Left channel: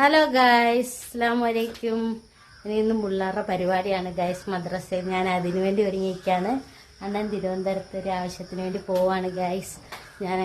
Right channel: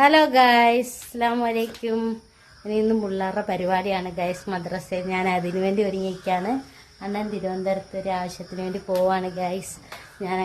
Hello guys, അസ്സലാമു അലൈക്കും. ഇന്ന് പിള്ളേരുടെ പരിപാടിയാണ് ഗൈസ്, മദ്രസയിൽ. ഞാൻ അതിനു വേണ്ടി ഒരുങ്ങിയിരിക്കുകയാണ്. അണ്ണൻ തിരുവനന്തപുരത്ത് ഒരു ആവശ്യത്തിന് വേണ്ടി പോവാണ് ഗൈസ്. ഞാൻ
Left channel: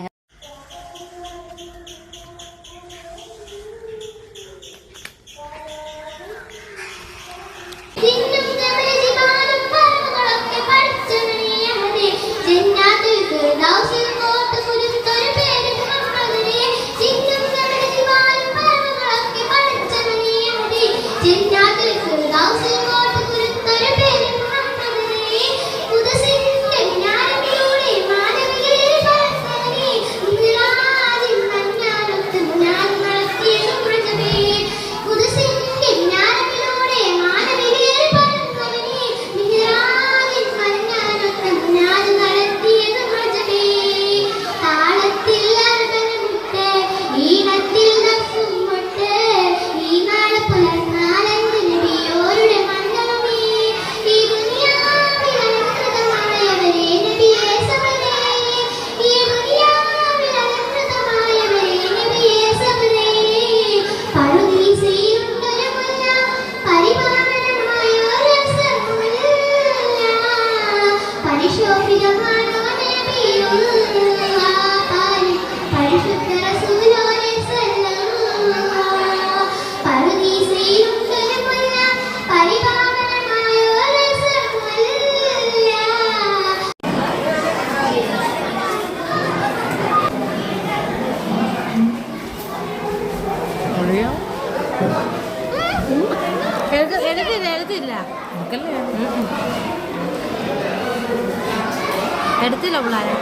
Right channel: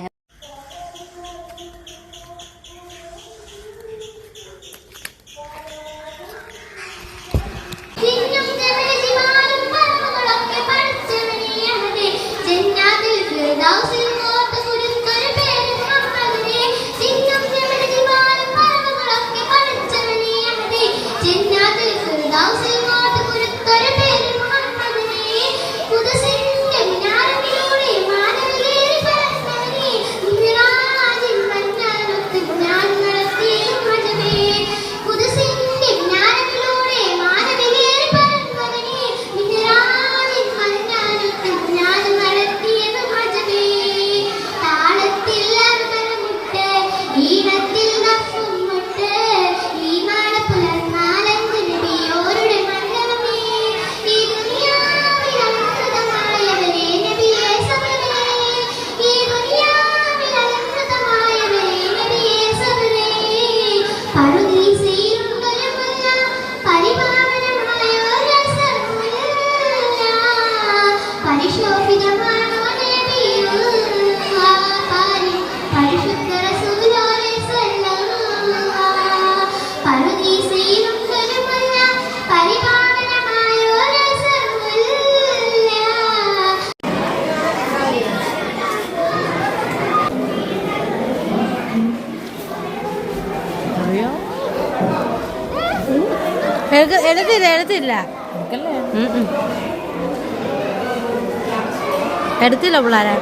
എടുത്തില്ല പിള്ളേരെ.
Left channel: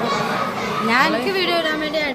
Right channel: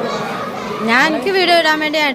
ഞാൻ എനിക്ക് വീഡിയോ ഇടാൻ വേണ്ടി